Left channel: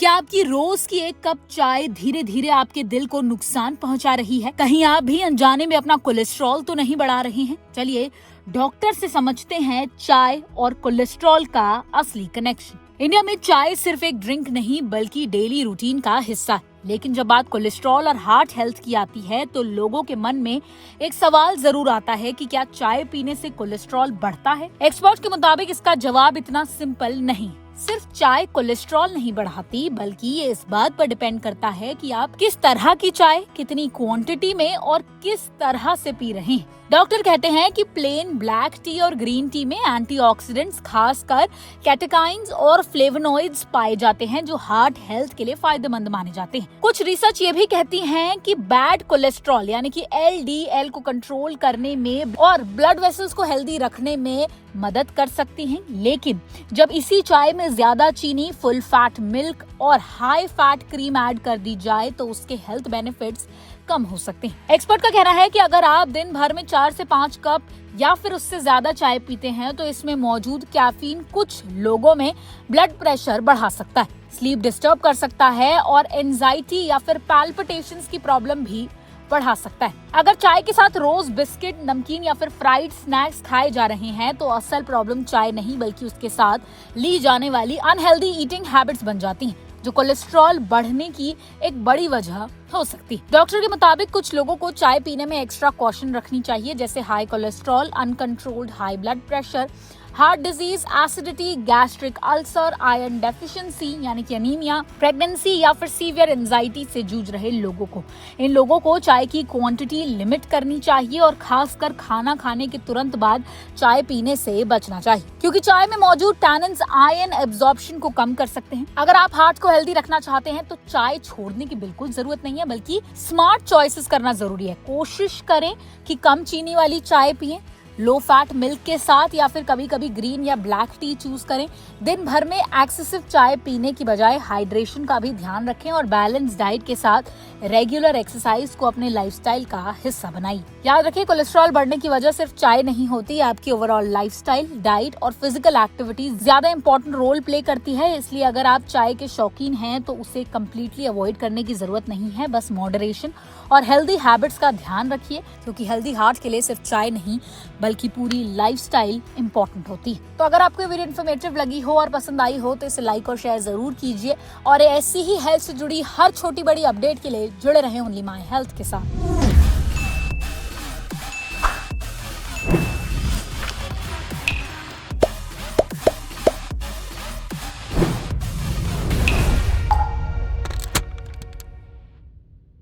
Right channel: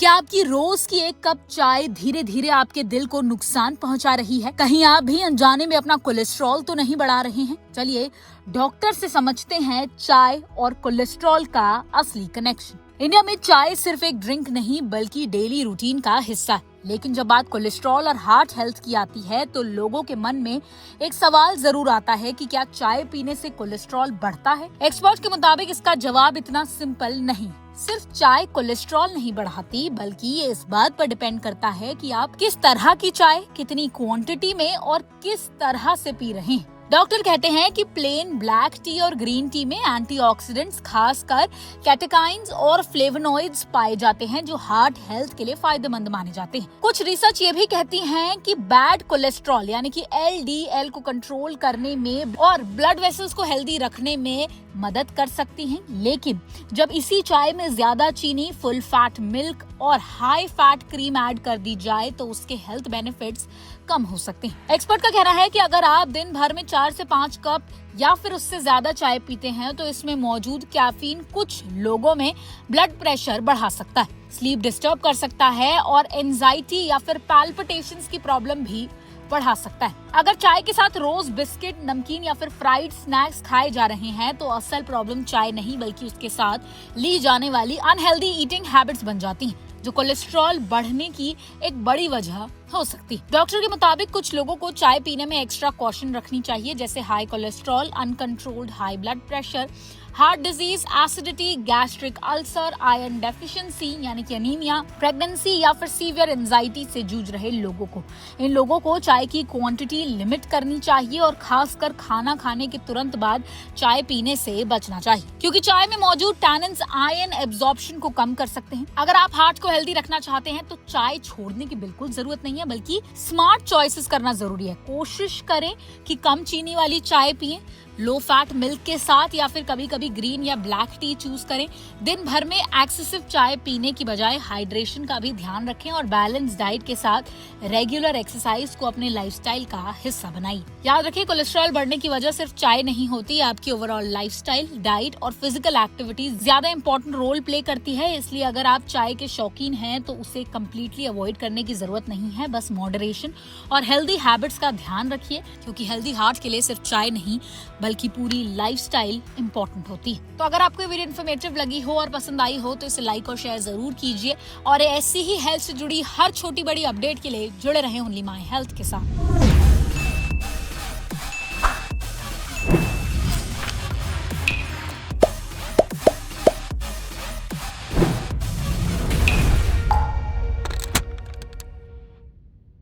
क्या आपकी रोज की एक कप चाय धीरे धीरे आपके दिल को नुकसान पहुंचा रही है? कहीं आप भी अनजाने में अपना कोलेस्ट्रॉल तो नहीं बढ़ा रहे हैं? चलिए डॉक्टर से समझते हैं चाय और कोलेस्ट्रॉल का असली कनेक्शन। इंडिया में चाय सिर्फ एक ड्रिंक नहीं बल्कि डेली रूटीन का हिस्सा है। लेकिन जब बात कोलेस्ट्रॉल और हार्ट हेल्थ की आती है तो लोगों के मन में एक सवाल जरूर आता है कि क्या चाय पीने से कोलेस्ट्रॉल बढ़ता है? एक्सपर्ट्स के मुताबिक इसका जवाब इतना सिंपल नहीं। सिर्फ चाय कोलेस्ट्रॉल नहीं बढ़ाती, बल्कि ये इस बात पर डिपेंड करता है कि आप किस तरह की चाय, कितनी क्वांटिटी में और किस तरह से पी रहे हैं। डॉक्टर कहते हैं कि प्लेन ब्लैक टी और ग्रीन टी में एंटीऑक्सीडेंट्स खासकर कैटेकाइंस और फ्लेवोनॉइड्स पाए जाते हैं जो हार्ट हेल्थ के लिए फायदेमंद माने जाते हैं। कुछ रिसर्च ये भी कहती हैं कि बैड कोलेस्ट्रॉल यानी कि LDL को कंट्रोल करने में और ब्लड वेसल्स को हेल्दी रखने में मदद कर सकती हैं। लेकिन जब इसी चाय में ज्यादा चीनी, फुल फैट मिल्क और हाई फैट क्रीम ऐड कर दी जाए तो उसके हेल्थ बेनिफिट्स कम हो सकते हैं। एक्सपर्ट का कहना है कि अगर आप दिन भर में 4 से 5 कप या फिर उससे ज्यादा चाय पीते हैं तो इसमें मौजूद कैफीन कुछ लोगों में ब्लड प्रेशर बढ़ा सकता है, स्लीप डिस्टर्ब कर सकता है और एंजाइटी या फिर पैल्पिटेशंस की प्रॉब्लम भी बढ़ा सकता है। अगर चाय के साथ रोज बिस्किट, नमकीन या फिर फ्राइड स्नैक्स खाए जा रहे हैं तो असल प्रॉब्लम चाय नहीं बल्कि उसके साथ ली जाने वाली अनहेल्दी ईटिंग हैबिट्स बन जाती हैं, जो कोलेस्ट्रॉल बढ़ने की एक बड़ी वजह हो सकती है। डॉक्टर के मुताबिक कुछ लोगों को चाय पीने में एक्स्ट्रा कॉशन रखनी चाहिए, जैसे high cholesterol, uncontrolled high blood pressure, heart disease, acidity, gastric ulcer, iron deficiency यानी कि अनीमिया, प्रेगनेंसी या फिर सीवियर एंजाइटी से जूझ रहे लोगों को। इन लोगों को चाय की क्वांटिटी लिमिट करनी चाहिए और खासकर खाना खाने के तुरंत बाद चाय पीने से बचना चाहिए, क्योंकि चाय में मौजूद टैनिन्स आयरन एब्जॉर्प्शन को कम कर सकते हैं। अगर आप हार्ट को हेल्दी रखना चाहते हैं तो चाय छोड़ने की बिल्कुल जरूरत नहीं है, बल्कि स्मार्ट चॉइसेस करना जरूरी है। कोशिश करें कि कम चीनी वाली चाय पिएं, लो फैट मिल्क के साथ या फिर कभी कभी ग्रीन या ब्लैक टी चूज करें। दिन भर में एक्सेसिव चाय पीने की बजाय हाइड्रेशन का भी ध्यान रखें और बैलेंस डाइट के साथ रेगुलर एक्सरसाइज को अपने लाइफस्टाइल का हिस्सा बनाइए। याद रखें, कोलेस्ट्रॉल बढ़ने की वजह सिर्फ चाय नहीं होती, आपकी ओवरऑल लाइफस्टाइल, डाइट और फिजिकल एक्टिविटीज ज्यादा इंपॉर्टेंट रोल प्ले करती है। इसलिए अगर आप चाय के शौकीन हैं तो उसे कम्प्लीटली अवॉइड करने की जरूरत नहीं है। बस मॉडरेशन और हेल्दी हैबिट्स का ध्यान रखिए, क्योंकि हेल्दी हार्ट के लिए सिर्फ चाय नहीं बल्कि पूरी लाइफस्टाइल इंपॉर्टेंट होती है। तो अगर आपको वीडियो इन्फॉर्मेटिव लगी हो और पसंद आई हो तो इसे लाइक और शेयर जरूर कीजिए और ऐसी ही हेल्थ से जुड़ी हर छोटी बड़ी अपडेट के लिए जुड़े रहें ओनली माय हेल्थ के साथ।